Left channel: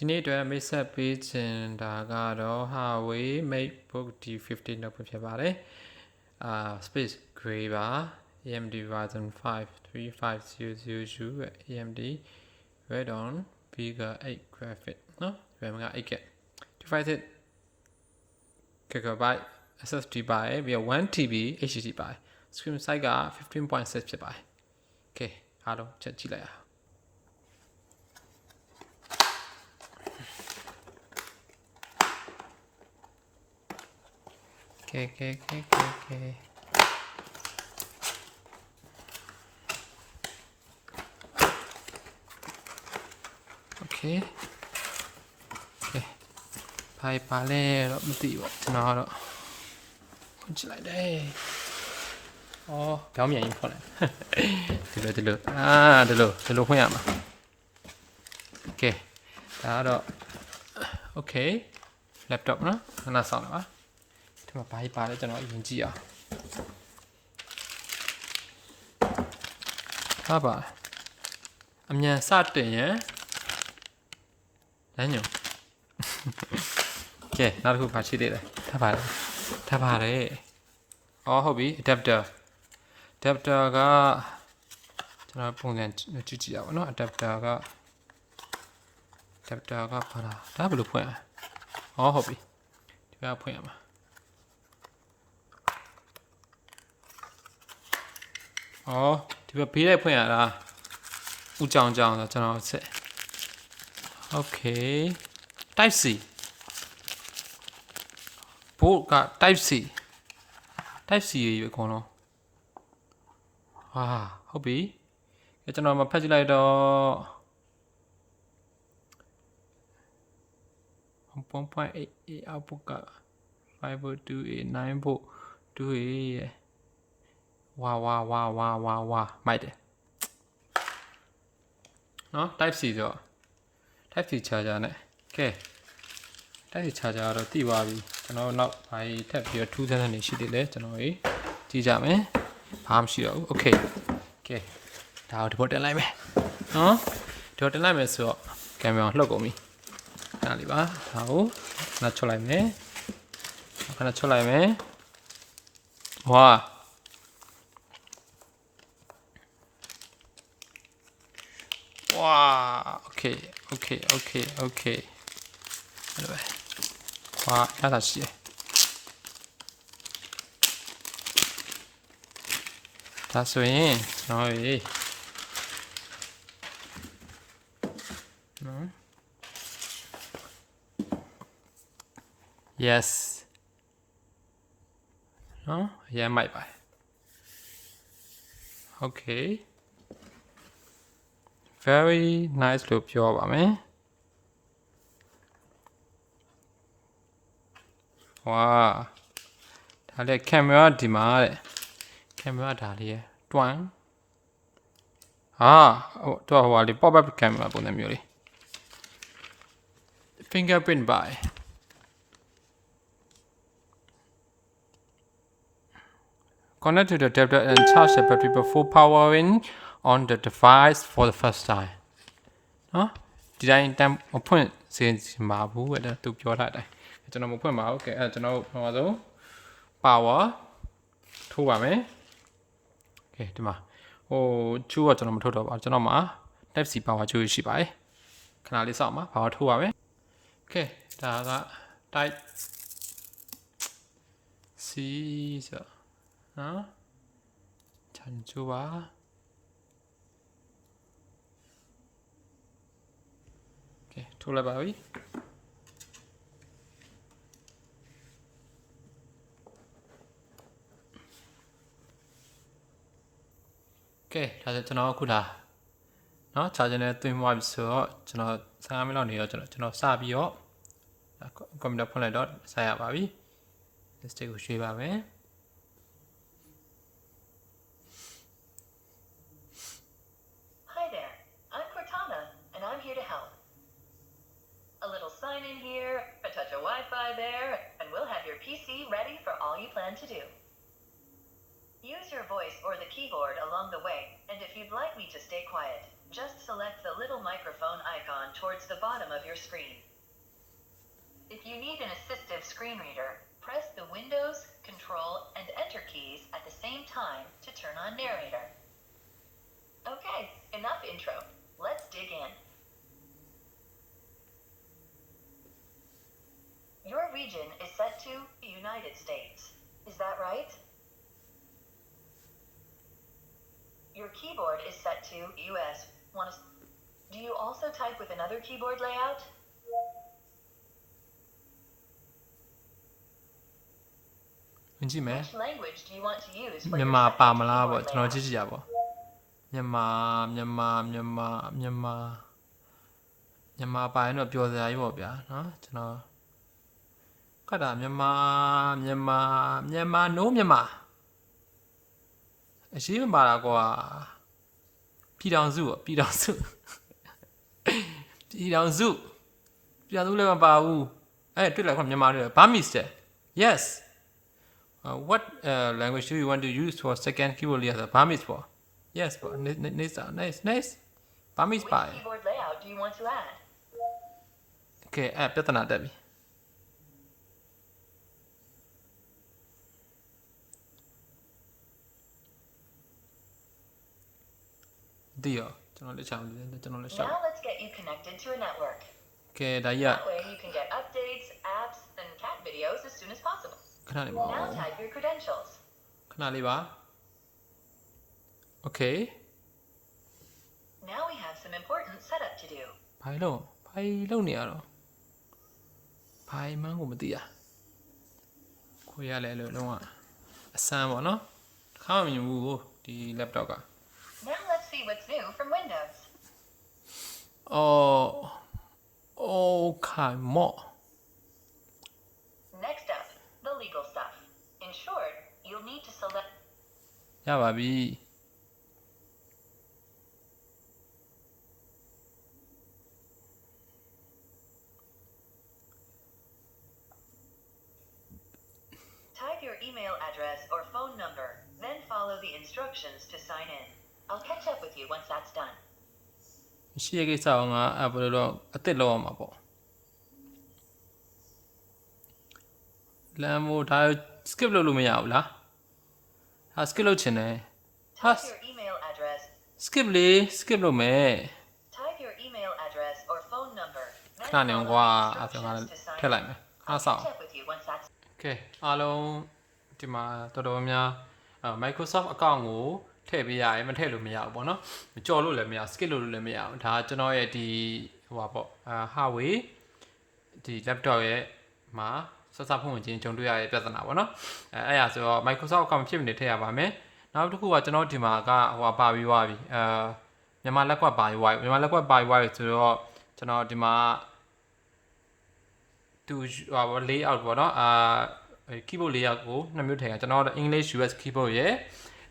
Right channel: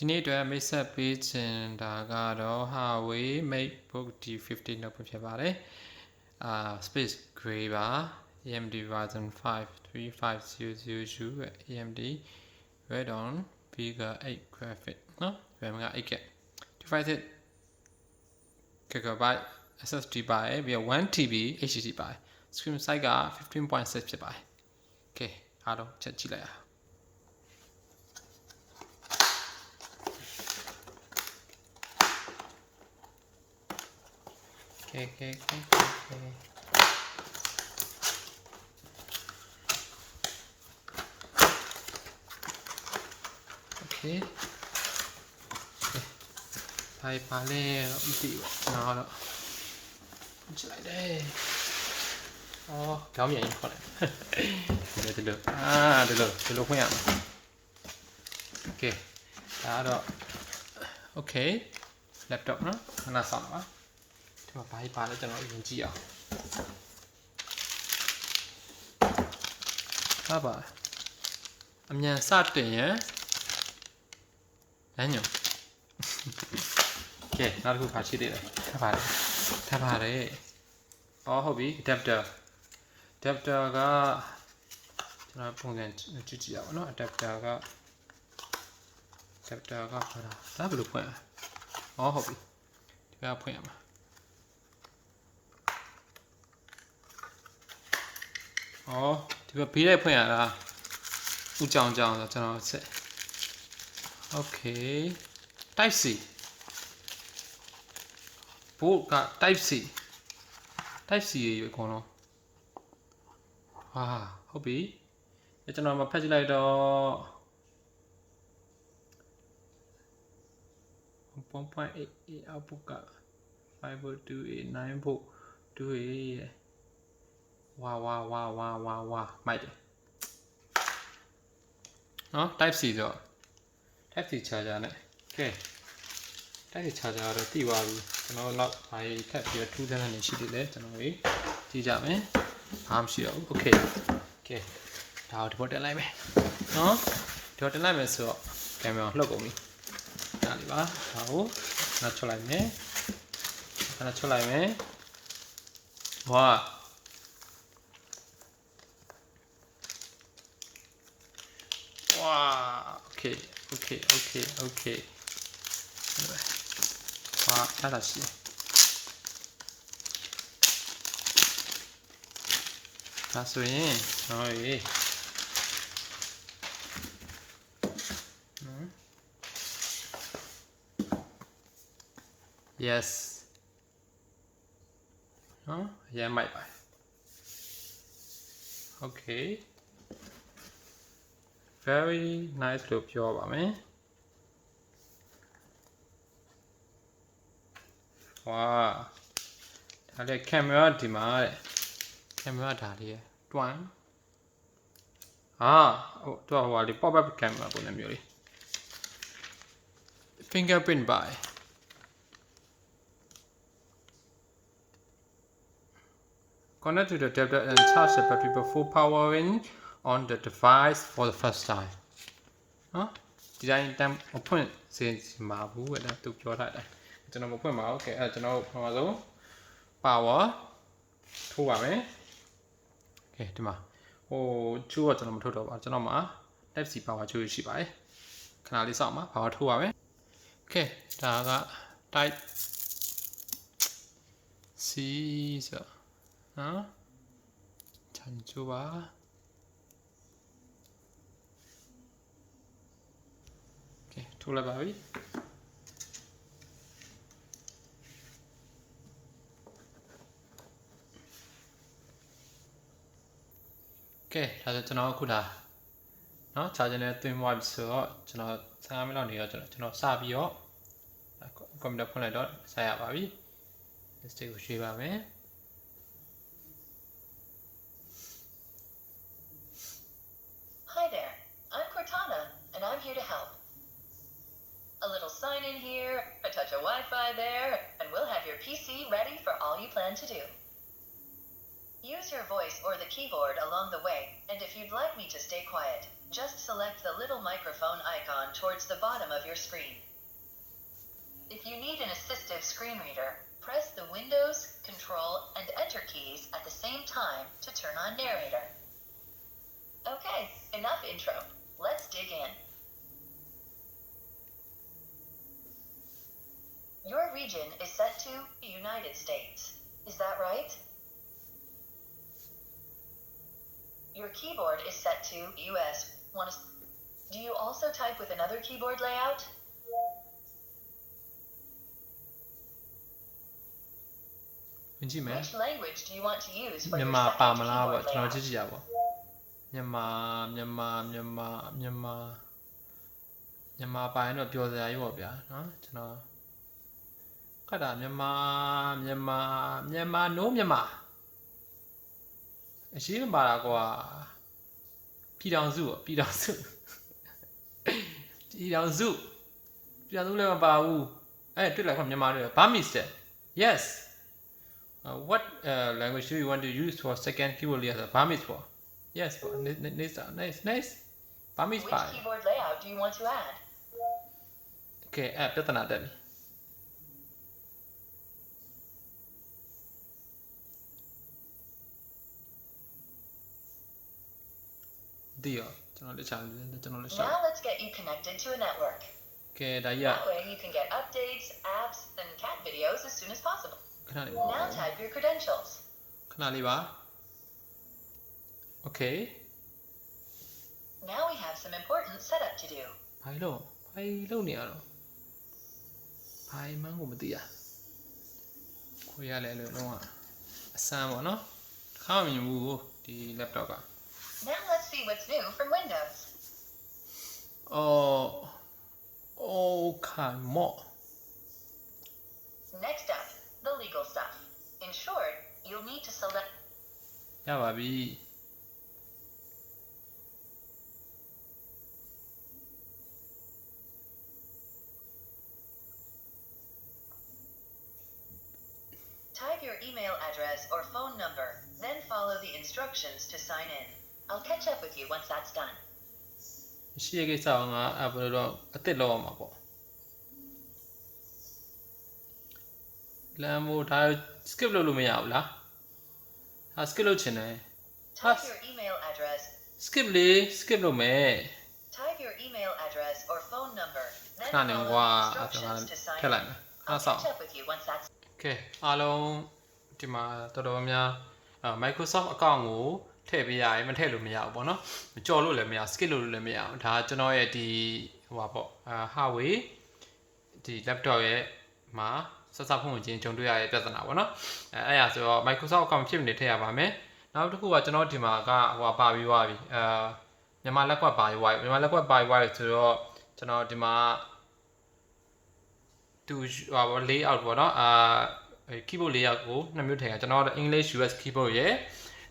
ဒီနေ့အတွက်မိတ်ဆက်ပေးချင်တာကတော့ Huawei MateBook D50 notebook ဖြစ်ပါတယ်space gray ပါ AMD Ryzen 5 3500U AMD Radeon Vega 8 graphic နော် RAM က 8GB 256GB SSD ပါတယ်ပြီးတော့ 1TB HDD ပါတယ် screen size က 15.6 ဖြစ်ပါတယ် okay အားလုံးချက်ကြည့်လိုက်အောင်Okay. Bye bye. Mesti buat kenal. Macam ni. Oh, kamu yang info lah. Dulu. Dulu punya apa? Okay. Ada. Okay. Laptop na, kena sama. ဒီမှာဘာကြီးပါလဲကျွန်တော်အရင်ကြည့်အောင်ဟာပါအမြန်စတင်ရန်လမ်းညွန်ကဲနောက်တစ်ခုပါရှိသေးတယ်ထားပါတယ်အော်ဟုတ်ပြီ adapter ကကျွန်တော်ပုံစံကြည့်ရအောင်နော် adapter ကဘာလဲဒါဘယ်လိုဖွင့်လဲအော်ဟုတ်ပြီဒီကဖွင့်ရမှာ哦，这个比例朋友啦，不讲的，真好吃。OK， Type C， 不个 Type C 也有可能。啊，好比，一陣我咪拍起來到1.8 output 個5.2 9.2 哇，買တယ်နော် Type C ဆို Type C charger နဲ့ okay Type C charger တော့တိသွားပြီကျွန်တော်နောက်ဘာကြီးထပ်ပြီးတော့ထူးဆန်းတဲ့နေရှိသေးတယ်ကျွန်တော်ကြီးကြည့်ကြမယ်ဘာမှမရှိတော့ဘူး okay ဒါကိုဒီပေါ်တင်လိုက်မယ်နော်ဒီပေါ်တင်လိုက်မယ်ဆိုတော့ကင်မရာလှုပ်ကုန်ပြီဒါလေးပါဒါကိုခဏချွတ်လိုက်မယ်ဝါokay 哇ရတာရှိတယ်ဒါဆိုရင်ကျွန်တော်ရေyes နော်ရမ်းမိုက်ပါ okay very nice လို့ပြောပါမယ်ဝါဒါလေးကင်မရာဒီမှာတဲ့ကင်မရာဒါလေးတွန်းတော့ဟိုလေး pop up ကင်မရာပုံစံမျိုးလေး fingerprint by connect to the adapter and charge the battery before powering on the device for the first time နော်ဒီတိုင်းတမ်းမဖွင့်စေချင်ပါဘူးအဲ့ဒါသူပြောထားတယ်ကျွန်တော်မဖွင့်ပါဘူးကဲအဲ့ကျွန်တော်ပထမဆုံး power ထိုးပါမယ်ကဲဒီမှာဟိုချူကကျွန်တော်မထိုးတော့ပါကျွန်တော်မှာ type C power ချူရှိပါတယ်ခဏလေးစောင့်ပါ power ထိုးပါမယ်ကဲဒါက type C ဆိုနော်ခြံချူပါထိုးလိုက်ပါပြီကဲဒါဆိုကျွန်တော်အခုဒါเนาะ charger နဲ့သွင်းသွားပြီဆိုတော့ကျွန်တော်15မိနစ်လောက်နေတော့ကျွန်တော်စပြီးတော့ကွန်ပျူတာဖွင့်လိုက်တော့ဆက်ရပါပြီ list ကိုရွှေ့ပါမယ်sign in here, a touch of Wi-Fi there, and we'll have your PC ready for all you plan to do. Use your voice or the keyboard along the way, and if you'd like me to stay quiet, Just select the little microphone icon towards the bottom of your screen. If you need an assistive screen reader, press the Windows, Control, and Enter keys at the same time to turn on narrator. Okay, enough intro. Let's dig in. Your region is set to the United States. Is that right? Your keyboard is set to US. Do you also type with another keyboard layout? Which language do you want to use for your second keyboard layout? Myanmar ပါရင်တော့ပျော်စရာကြီးပေါ့ဗျာเนาะကျွန်တော်ကတ်တာမြန်မာ no မြန်မာအရှိမပါတာကွာပြည်ထောင်စုလည်းမပါဘူးအဲ့တွေ့လိုက်ခွမြန်မာတွေ Burmese yes what language do you want to use for second keyboard layout Burmese ပေါ့ yes ပေါ့ nice Burmese ပါ Which keyboard layout do you want to add? Okay အဲ့ပြဿနာတက်ပြီဒီရောကျွန်တော်လက်ချမ်းကျွန်တော်လက်ချမ်း Now let's get you connected to a network. Okay ဒါရ That way you can get updates, apps, and cat videos as soon as possible. ခဏလေး Now type your credentials. ခဏလေးပါ Okay Now we have some important setup to do. ဘာလုပ်နေရတော့ဘာမှန်းကိုမသိရခွေရလဲလို့လုံးဝအဆန်းပေါ့နော်ခါမမြင်ဘူးဒီ laptop က Now let's see what's new from Windows. Okay more Next up, the legal stuff. In short, you'll need to select ရပါပြီ type your email address or phone number, then follow the instructions to sign in. I'll catch up with you once that's done. ရှိရကိစ္စအောင်ကဘယ်လိုတော့အစ်စ်လောက်အောင်မှာပေါ့လမ်းမို့ဒါ skip လုပ်လို့မရဘူးလားဟာ skip လုပ်ချင်တယ် Type your email address. skip လုပ်မယ် Type your email address or phone number, then ခဏနေ follow ကွာ the အဲ့ဒါ instructions to sign ထည့်လိုက် in. မယ် I'll ဆောင် catch up with you once that's Okay အားလုံးဒီမှာတော်တော်များ Microsoft account ကိုထည့်ပေးရတယ်မထည့်လို့မရဘူးပေါ့နော်ကြော်လို့လည်းမရ skip လို့လည်းမရဘူးဒါကျွန်တော်ရဲ့ဒီဟိုပါပေါ့Huawei ဒီ laptop ရဲ့မှာဆက်စပ်ဖွင့်ဝင်ခြင်းကြုံတွေ့ရတဲ့ပြဿနာပေါ့နော်အဲ့ဒါဆိုတော့ Microsoft account ဖြစ်နေထည့်ရပါမယ်နောက်တစ်ခုကကျွန်တော်ဒီမှာကဟိုပါပြီးသွားပြီမြန်မာလက်ကွက်ပါပြီးသွားပြီမြန်မာလက်ကွက်ပါပြီးသွားပြီဆိုတော့ကျွန်တော်ဒီမှာသူဟို layout ပေါ့နော်keyboard layout ကိုနှစ်မျိုးထည့်ရကျွန်တော် English US keyboard ရဲ့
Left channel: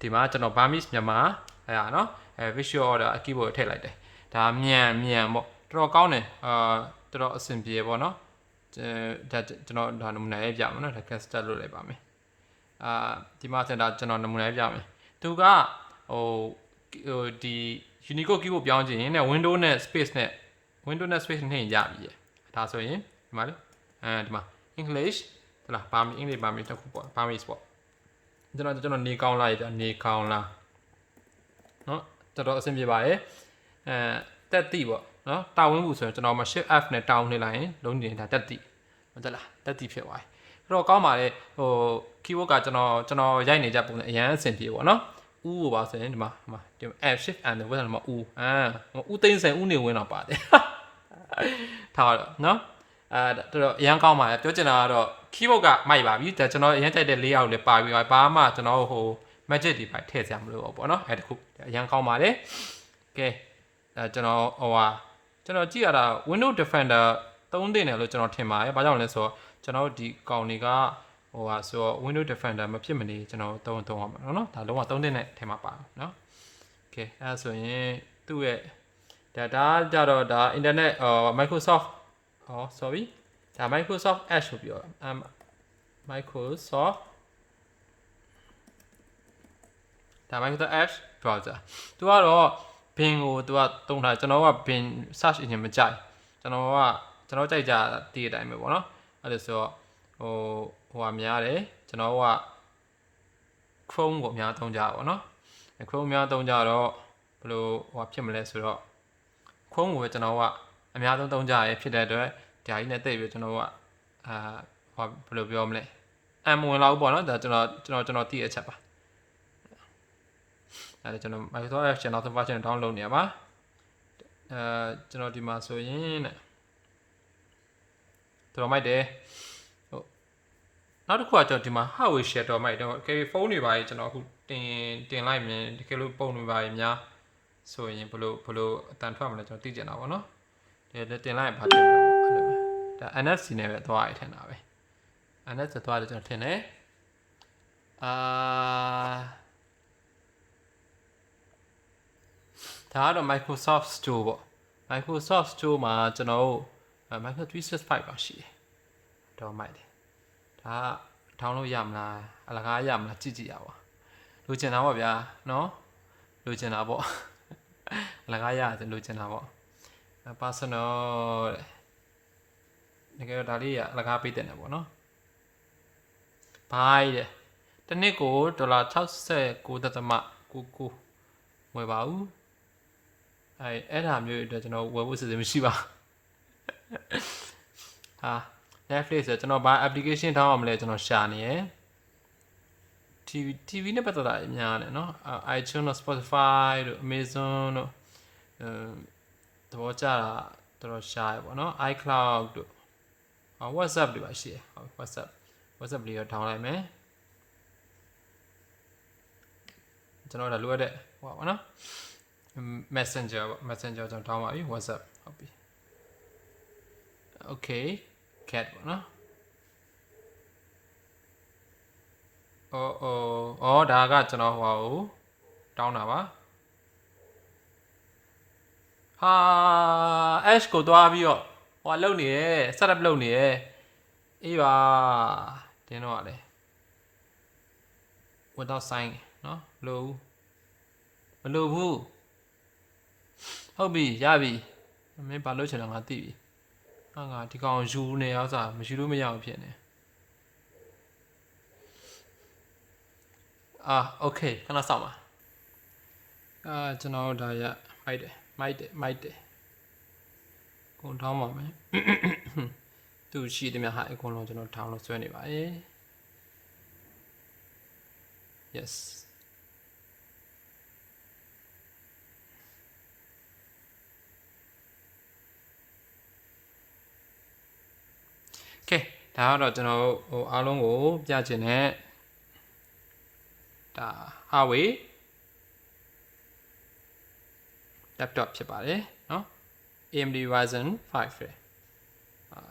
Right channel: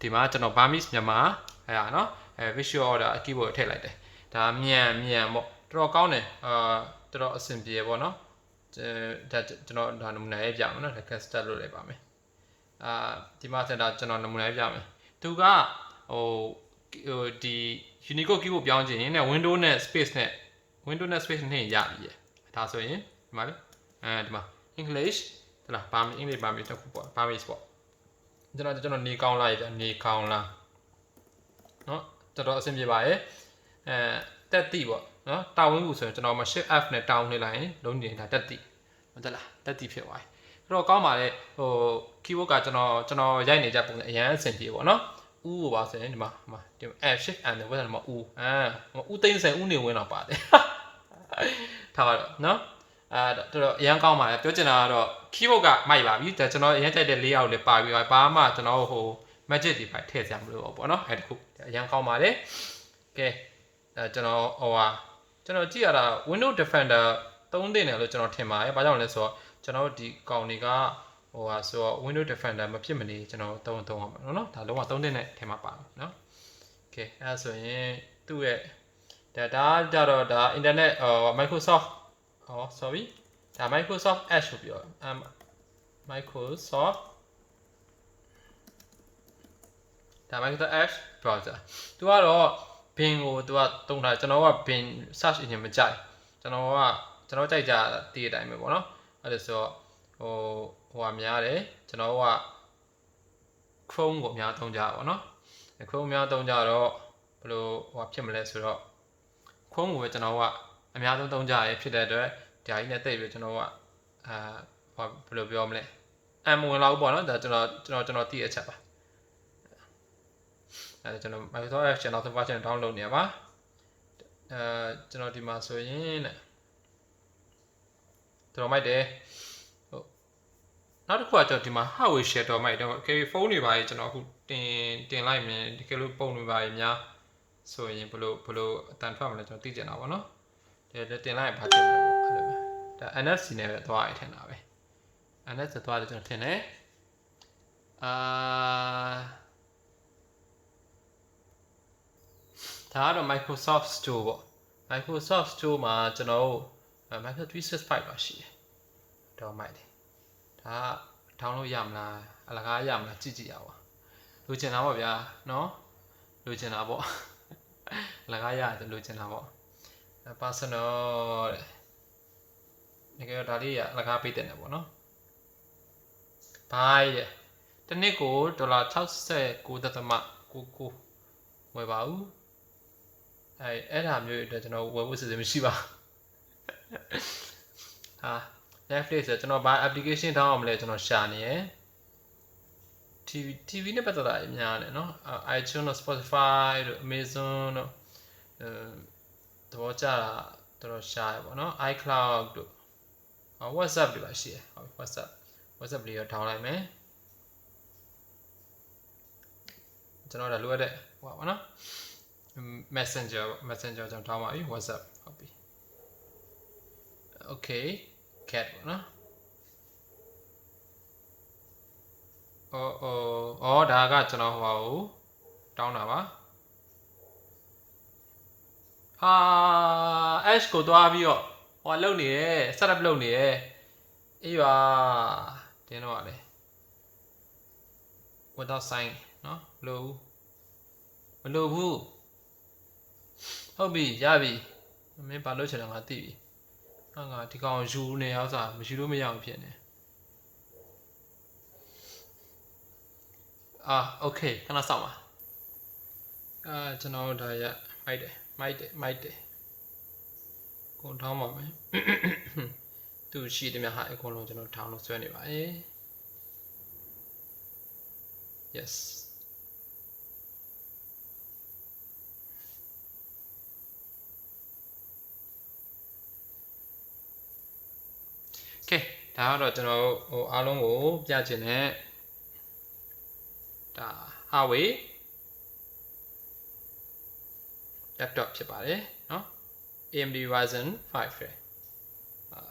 ဒီမှာကျွန်တော် Burmese မြန်မာအဲ့ဒါနော်visual order keyboard ထည့်လိုက်တယ်ဒါမြန်ပေါ့တော်တော်ကောင်းတယ်တော်တော်အဆင်ပြေပေါ့နော်ဒါကျွန်တော်ဒါနမူနာရေးပြမယ်နော်ဒါ cast လုပ်လိုက်ပါမယ်ဒီမှာကျွန်တော်နမူနာရေးပြမယ်သူကဟိုဒီ Unicode keyboard ပြောင်းချင်ရင် Windows နဲ့ space နဲ့ နဲ့ရပြီဒါဆိုရင်ဒီမှာဒီမှာ English ဟုတ်လားBurmese English Burmese တစ်ခုပေါ့ Burmese ပေါ့ကျွန်တော်နေကောင်းလားနေကောင်းလားနော်တော်တော်အဆင်ပြေပါရဲ့တက်တိပေါ့နော်တာဝန်ဘူးဆိုရင်ကျွန်တော်မှာ shift F နဲ့တောင်းနေလိုက်ရင်လုံးနေတာတက်တိဟုတ်တယ်လားတက်တိဖြစ်သွားပြီအဲ့တော့ကောင်းပါလေဟို keyboard ကကျွန်တော်ရိုက်နေကြပုံနဲ့အရင်အဆင်ပြေပေါ့နော်ဦးကိုပါဆိုရင်ဒီမှာဒီ F shift and ဝယ်တယ်မှာဦးသိန်းစံဦးနေဝင်တော့ပါတယ်ထားတော့နော်တော်တော်အရင်ကောင်းပါလေပြောချင်တာကတော့ keyboard ကမိုက်ပါပြီဒါကျွန်တော်အရင်ကြိုက်တဲ့ layout လေးပါပြီးပါမှကျွန်တော်ဟို magic တွေပါထည့်စရာမလိုတော့ပေါ့နော်အဲ့တခုအရင်ကောင်းပါလေကဲကျွန်တော်ကြည့်ရတာ Windows Defender 3တင်တယ်လို့ကျွန်တော်ထင်ပါတယ်။ဘာကြောင့်လဲဆိုတော့ကျွန်တော်ဒီကောင်တွေကဆိုတော့ Windows Defender မဖြစ်မနေကျွန်တော်သုံးရမှာနော်။ဒါလုံးဝ3တင်တဲ့ထဲမှာပါတယ်နော်။ Okay အဲ့ဒါဆိုရင်သူ့ရဲ့ဒါကြတော့ဒါ internet Microsoft sorry ဒါ Microsoft Edge ကိုပြောMicrosoft Edge browser သူကတော့ ဘင်ကိုသူကတုံးထားကျွန်တော်ကဘင် search engine မကြိုက်ကျွန်တော်ကြိုက်ကြတည်တဲ့အတိုင်းပဲပေါ့နော်အဲ့ဒါဆိုတော့ဟိုဟာများတယ်ကျွန်တော်က Chrome ကိုအများသုံးကြပါပေါ့နော် Chrome အများသုံးကြတော့ဘယ်လိုဟိုဖြစ်မလဲဆိုတော့ Chrome ကိုပဲကျွန်တော်ကအများဆုံးသုံးကြရဖြစ်တဲ့အတွက်ဒီဟာကြီးနဲ့တိတ်ပြီးကျွန်တော်ကဟိုဘယ်လိုပြောမလဲအမဝင်လောက်ပေါ့နော်ဒါကျွန်တော်တည်အချက်ပါအဲ့ဒါကျွန်တော် Microsoft Edge နောက်ဆုံး version download နေရပါကျွန်တော်ဒီမှာဆိုရင်တဲ့တော်မိုက်တယ်နောက်တစ်ခုကကျွန်တော်ဒီမှာ Huawei share တော်မိုက်တော့ carry phone တွေပါကြီးကျွန်တော်အခုတင်လိုက်မြင်ဒီကလေးပုံတွေပါကြီးများဆိုရင်ဘလို့အတန်ထွက်မလဲကျွန်တော်သိကျင်တာပေါ့နော်ဒီတင်လိုက်ရင်ဘာဖြစ်မလဲပေါ့အဲ့လိုပဲဒါ NFC နဲ့ပဲသွားရထင်တာပဲ NFC သွားတယ်ကျွန်တော်ထင်တယ်ဒါကတော့ Microsoft Store ပေါ့ Microsoft Store မှာကျွန်တော်တို့ Microsoft 365ပါရှိတယ်တော့မိုက်တယ်ဒါdownload ရမလားအလကားရမလားကြည့်ရပါလိုချင်တာပေါ့ဗျာနော်လိုချင်တာပေါ့အလကားရတယ်လိုချင်တာပေါ့ personal တဲ့ဒါဒါလေးကအလကားပေးတဲ့နေပေါ့နော်ဘိုင်းတဲ့တစ်နှစ်ကို$69.99ဝယ်ပါဦးအဲ့ဒါမျိုးအတွက်ကျွန်တော်ဝယ်ဖို့စီစဉ်မရှိပါဟာ Netflix ဆိုကျွန်တော်ဘာ application တောင်းအောင်မလဲကျွန်တော်ရှာနေရယ် TV နဲ့ပတ်သက်တာအများတယ်เนาะ iTunes တို့ Spotify တို့ Amazon တို့သဘောကျတာတော်တော်ရှာရပေါ့เนาะ iCloud တို့ WhatsApp တွေပါရှိတယ်ဟုတ် WhatsApp လေးတော့ထောင်းလိုက်မယ်ကျွန်တော်တို့လိုရတဲ့ဟိုပါเนาะMessenger ကျွန်တော်ထောင်းပါပြီ WhatsApp ဟုတ်ပြီ Okay cat ပေါ့နော်ဒါကကျွန်တော်ဟိုတောင်းတာပါဟာ Edge ကိုသွားပြီးတော့ဟိုလုံနေရယ် setup လုပ်နေရယ်အေးပါတင်းတော့လေ without sign เนาะမလိုဘူးဟုတ်ပြီရပြီမင်းဘာလို့ချင်တာငါသိပြီငါဒီကောင်ယူနေရစားမယူလို့မရအောင်ဖြစ်နေโอเคခဏစောင့်ပါကျွန်တော်ဒါရမိုက်တယ်ကုန်ထောင်းပါမယ်သူရှိတယ်များဟာအကုန်လုံးကျွန်တော်ထောင်းလို့ဆွဲနေပါရဲ့ yes Okay ဒါကတော့ကျွန်တော်ဟိုအားလုံးကိုပြချင်တဲ့ဒါ Huawei laptop ဖြစ်ပါတယ်เนาะ AMD Ryzen 5ပဲ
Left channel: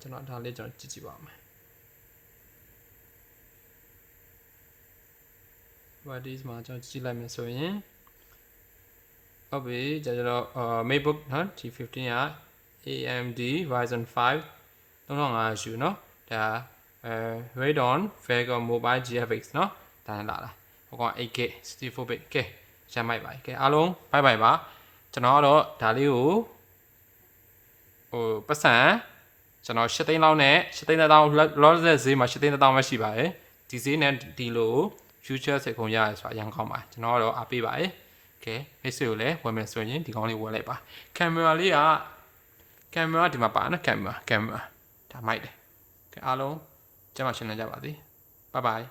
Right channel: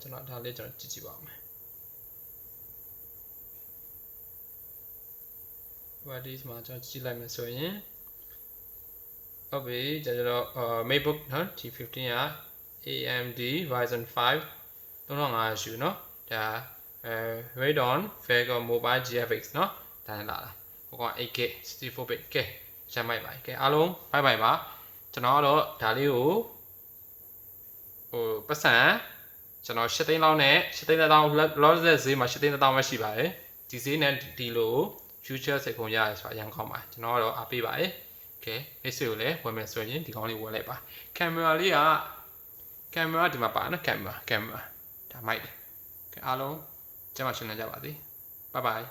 ကျွန်တော်ဒါလေးကျွန်တော်ကြည့်ပါမယ် what is မှာကျွန်တော်ကြည့်လိုက်မယ်ဆိုရင်ဟုတ်ပြီကျွန်တော်MateBook နော် G15 က AMD Ryzen 5 3500 เนาะဒါ Radeon Vega Mobile GFX เนาะဒါနဲ့လာဟိုကောင် 8K 64 bit ကဲရမ်းမိုက်ပါကဲအားလုံးဘိုင်ဘိုင်ပါကျွန်တော်ကတော့ဒါလေးကိုဟိုပတ်စံကျွန်တော်8သိန်းလောက်နဲ့8သိန်းတောင်လောတဲ့ဈေးမှာ8သိန်းတောင်ပဲရှိပါတယ်ဒီဈေးနဲ့ဒီလို future စိတ်ခုံရတယ်ဆိုတာအရင်ကောင်းပါကျွန်တော်ကတော့အားပေးပါတယ်ကဲမိတ်ဆွေကိုလည်းဝယ်မယ်ဆိုရင်ဒီကောင်လေးဝယ်လိုက်ပါကင်မရာလေးကကင်မရာဒီမှာပါနော်ကင်မရာဒါမိုက်တယ်ကဲအားလုံးကျမရှင်းနေကြပါစေ bye bye